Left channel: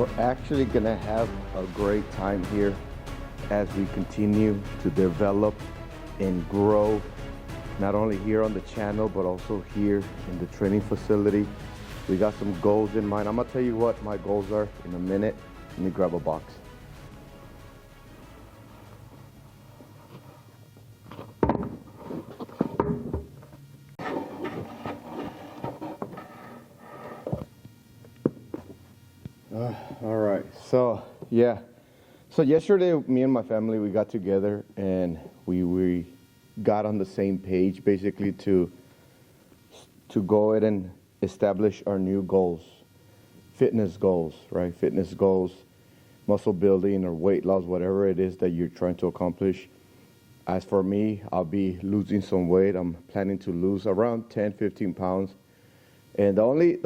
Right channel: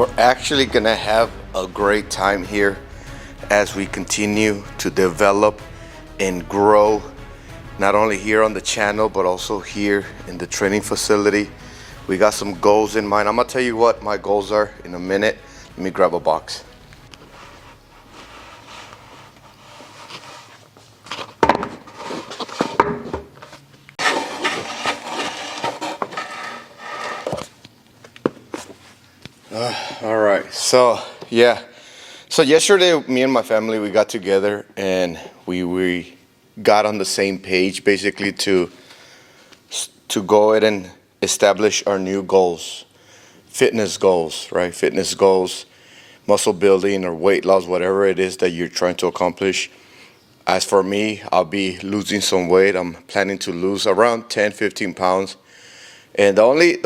We're actually gonna have a great time here as we continue to develop and grow, not only here on the channel, but also here in the training facility. We got some goals in mind. I'm gonna tell you what my goals are in a minute. Let me grab a box. All right, so yeah. So yesterday, me and my family, we got together and we got on the same page basically to go ahead and establish our new goals, fitness goals, right? Fitness goals, muscle building or weight loss, whatever it is that you're trying to accomplish. As for me, I'll be losing some weight. I'm planning to lose around 10, 15 pounds. And the only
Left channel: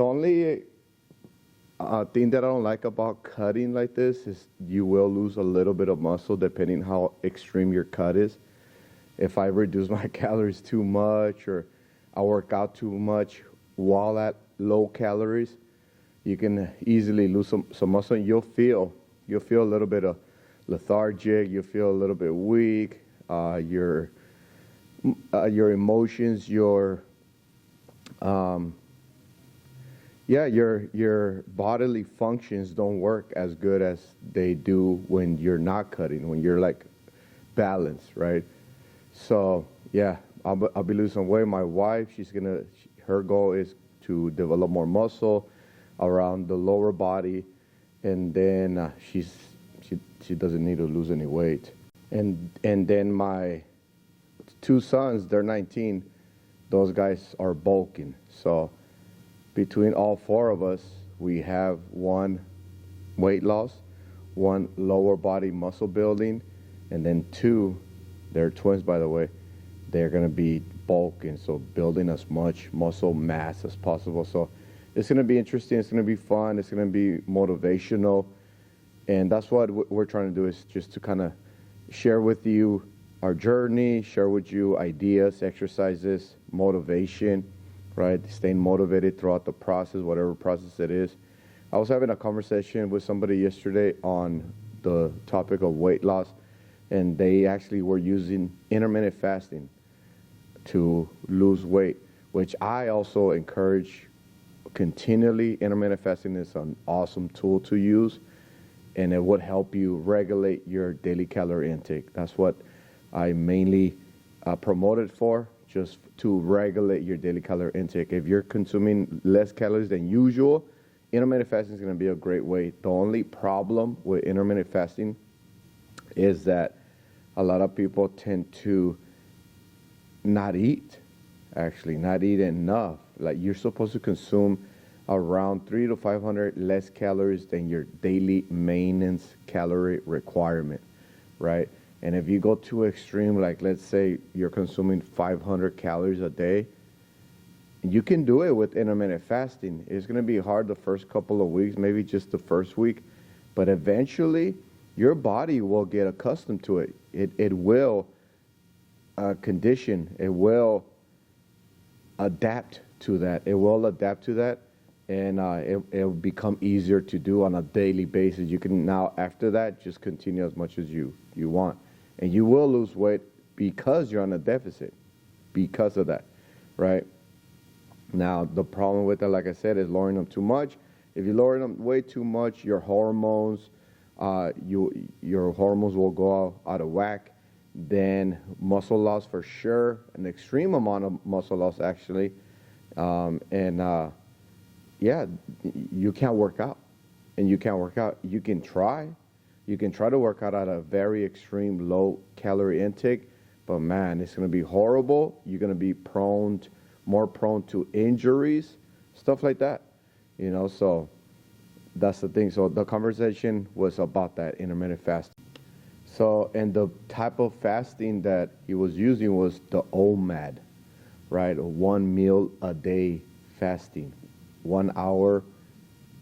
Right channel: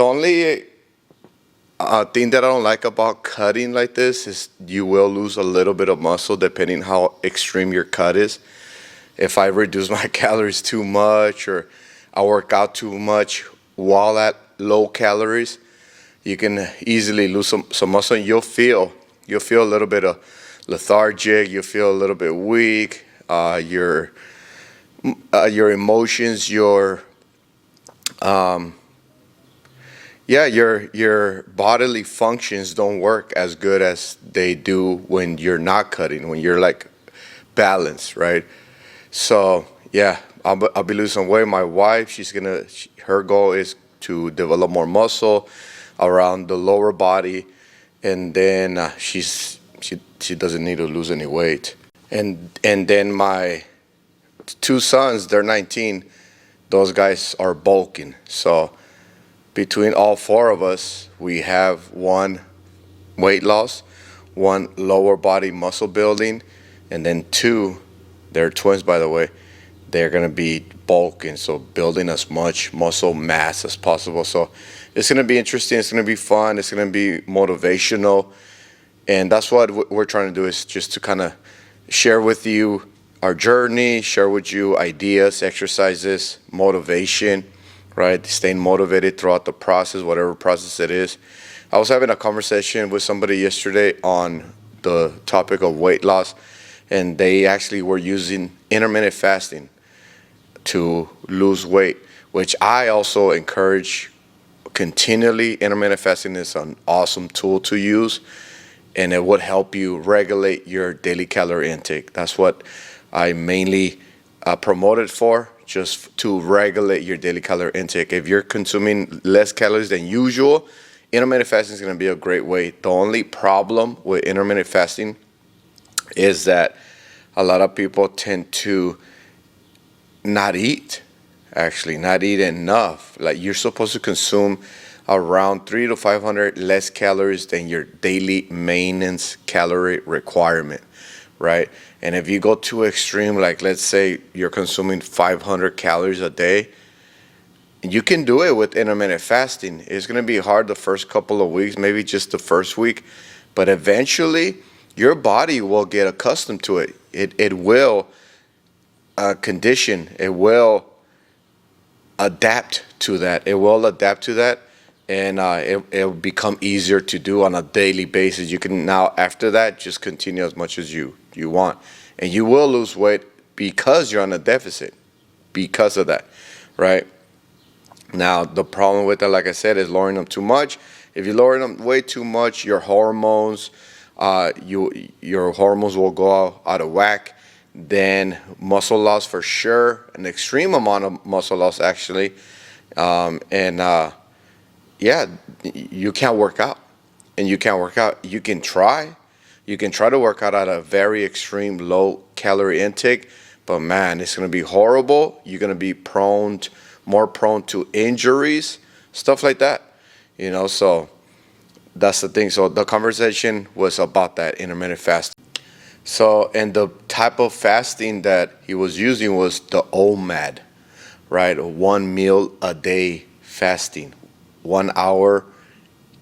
thing that I don't like about cutting like this is you will lose a little bit of muscle depending how extreme your cut is. If I reduce my calories too much or I work out too much while at low calories, you can easily lose some muscle. And you'll feel a little bit of lethargic. You'll feel a little bit weak. Your emotions, your bodily functions don't work as good as they do when you're not cutting, when you're like balanced, right? So yeah, I'll be losing some weight. My wife, her goal is to develop more muscle around the lower body, and then she doesn't need to lose any weight. And then my two sons, they're 19. Those guys are bulking. So between all four of us, we have one weight loss, one lower body muscle building, and then two, they're twins by the way, they're gonna be bulking, so building as much muscle mass as possible. So it's gonna be interesting, it's gonna be fun, it's gonna be motivational, and that's what we're trying to do, is just to kind of share with you our journey, share with you ideas, exercises, motivation, right? Staying motivated throughout the process, whatever process it is. I was having a conversation with somebody yesterday on the topic of weight loss, and they actually were using intermittent fasting to lose weight, which I also encourage continually. Intermittent fasting is an awesome tool to use, and it would help you regulate your daily calorie intake. That's what I mainly promote it for, just to regulate your daily calorie intake. If you're consuming less calories than usual, intermittent fasting is going to be a great way. The only problem with intermittent fasting is that a lot of people tend to not eat enough. Like, you're supposed to consume around 300 to 500 less calories than your daily maintenance calorie requirement, right? And if you go too extreme, like let's say you're consuming 500 calories a day, you can do it with intermittent fasting. It's going to be hard the first couple of weeks, maybe just the first week, but eventually your body will get accustomed to it. It will condition, it will adapt to that. It will adapt to that, and it'll become easier to do on a daily basis. You can now, after that, just continue as much as you want. And you will lose weight because you're on a deficit, because of that, right? Now, the problem with that, like I said, is lowering them too much. If you lower them way too much, your hormones, your hormones will go out of whack. Then muscle loss for sure, an extreme amount of muscle loss actually. Yeah, you can't work out. And you can't work out. You can try. You can try to work out at a very extreme low calorie intake, but man, it's going to be horrible. You're going to be more prone to injuries, stuff like that, so that's the thing. So the conversation was about that intermittent fasting. So, and the type of fasting that he was using was the OMAD, right? 1 meal a day fasting, 1 hour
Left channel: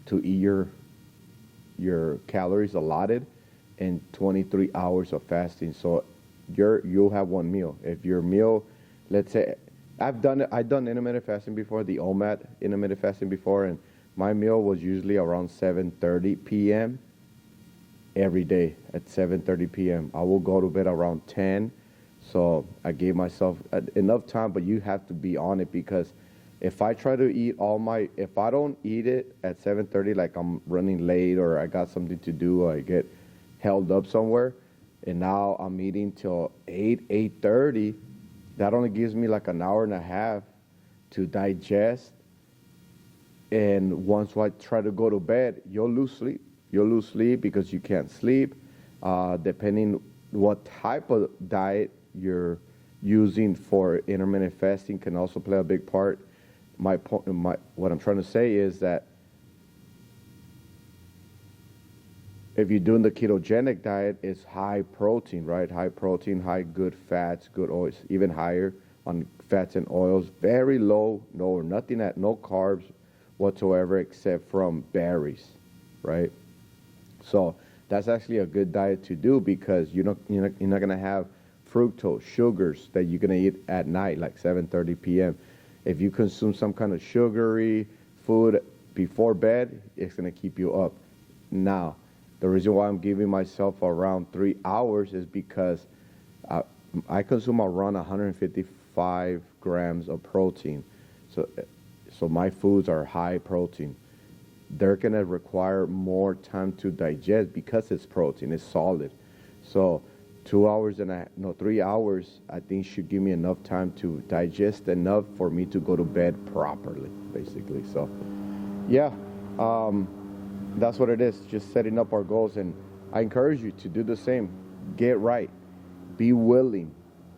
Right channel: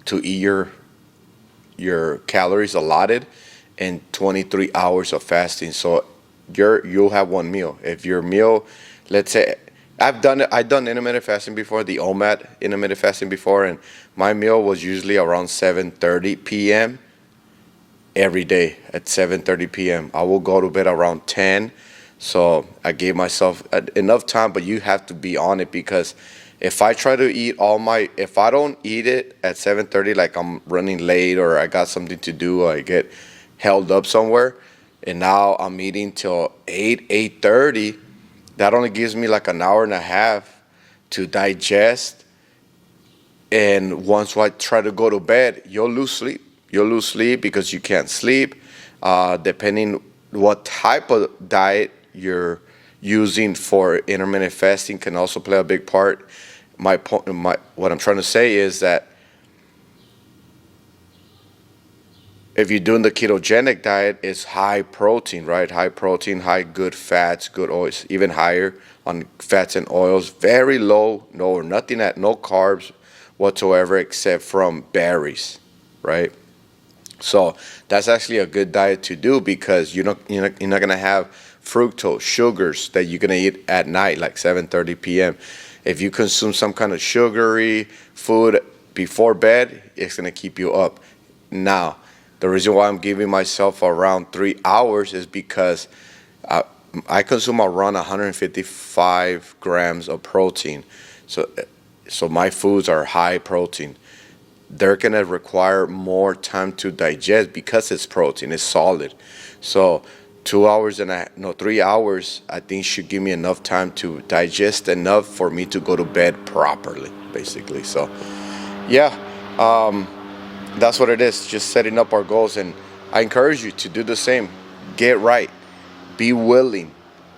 to eat your calories allotted, and 23 hours of fasting. So you'll have one meal. If your meal, let's say, I've done it. I've done intermittent fasting before, the OMAD intermittent fasting before, and my meal was usually around 7:30 p.m. every day at 7:30 p.m. I will go to bed around 10, so I gave myself enough time. But you have to be on it, because if I try to eat if I don't eat it at 7:30, like I'm running late or I got something to do, or I get held up somewhere, and now I'm eating till 8:30. That only gives me like an hour and a half to digest. And once I try to go to bed, you'll lose sleep. You'll lose sleep because you can't sleep. Depending what type of diet you're using for intermittent fasting can also play a big part. What I'm trying to say is that if you're doing the ketogenic diet, it's high protein, right? High protein, high good fats, good oils, even higher on fats and oils. Very low, no carbs whatsoever except from berries, right? So that's actually a good diet to do, because you're not gonna have fructose, sugars that you're gonna eat at night, like 7:30 p.m. If you consume some kind of sugary food before bed, it's gonna keep you up. Now, the reason why I'm giving myself around 3 hours is because I consume around 155 grams of protein. So my foods are high protein. They're gonna require more time to digest because it's protein, it's solid. So 3 hours, I think should give me enough time to digest enough for me to go to bed properly, basically. So yeah, that's what it is, just setting up our goals. And I encourage you to do the same. Get right. Be willing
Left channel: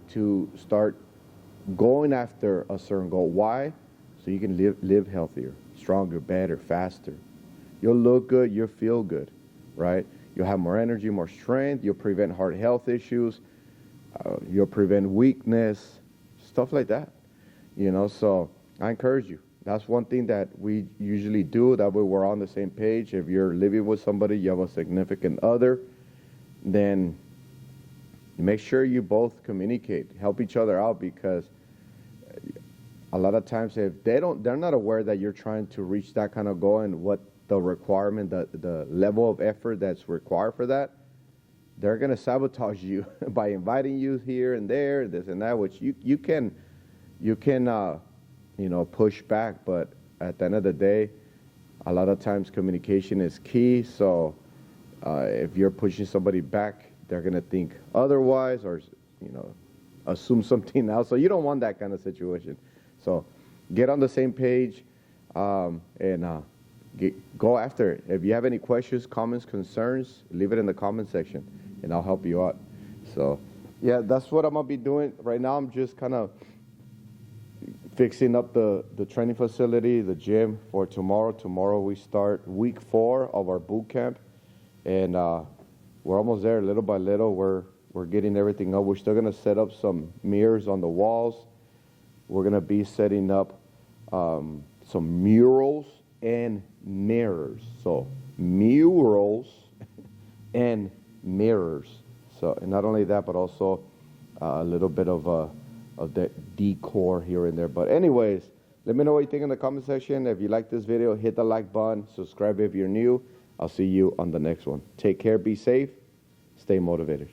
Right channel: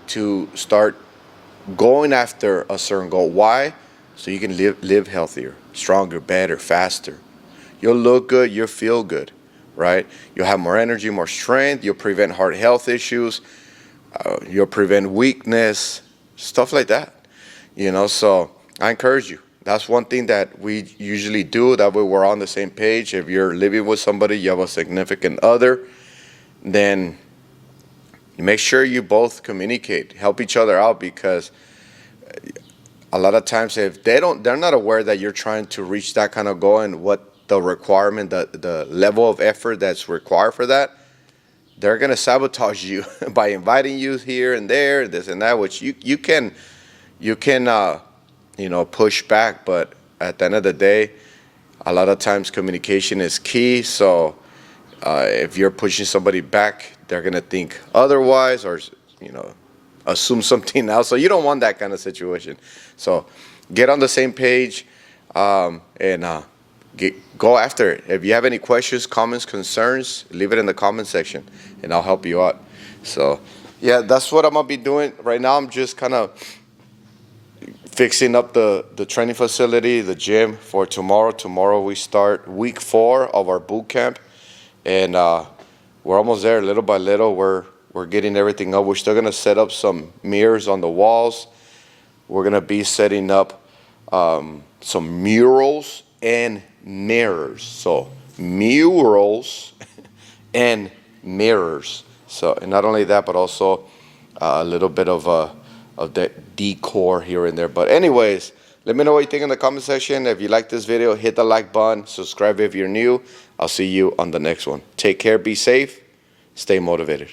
to start going after a certain goal. Why? So you can live healthier, stronger, better, faster. You'll look good, you'll feel good, right? You'll have more energy, more strength. You'll prevent heart health issues. You'll prevent weakness, stuff like that. So I encourage you. That's one thing that we usually do. That way we're on the same page. If you're living with somebody, you have a significant other, then make sure you both communicate, help each other out, because a lot of times if they're not aware that you're trying to reach that kind of goal and what the requirement, the level of effort that's required for that, they're gonna sabotage you by inviting you here and there, this and that, which you can push back, but at the end of the day, a lot of times communication is key. So if you're pushing somebody back, they're gonna think otherwise, or assume something else. So you don't want that kind of situation. So get on the same page, and go after it. If you have any questions, comments, concerns, leave it in the comment section, and I'll help you out. So yeah, that's what I'm gonna be doing right now. I'm just kind of fixing up the training facility, the gym for tomorrow. Tomorrow we start week 4 of our boot camp, and we're almost there. Little by little, we're getting everything up. We're still gonna set up some mirrors on the walls. We're gonna be setting up some murals and mirrors. So murals and mirrors. So, and not only that, but also a little bit of the decor here and there. But anyways, let me know what you think in the comment section. If you like this video, hit the like button, subscribe if you're new. I'll see you on the next one. Take care, be safe, stay motivated.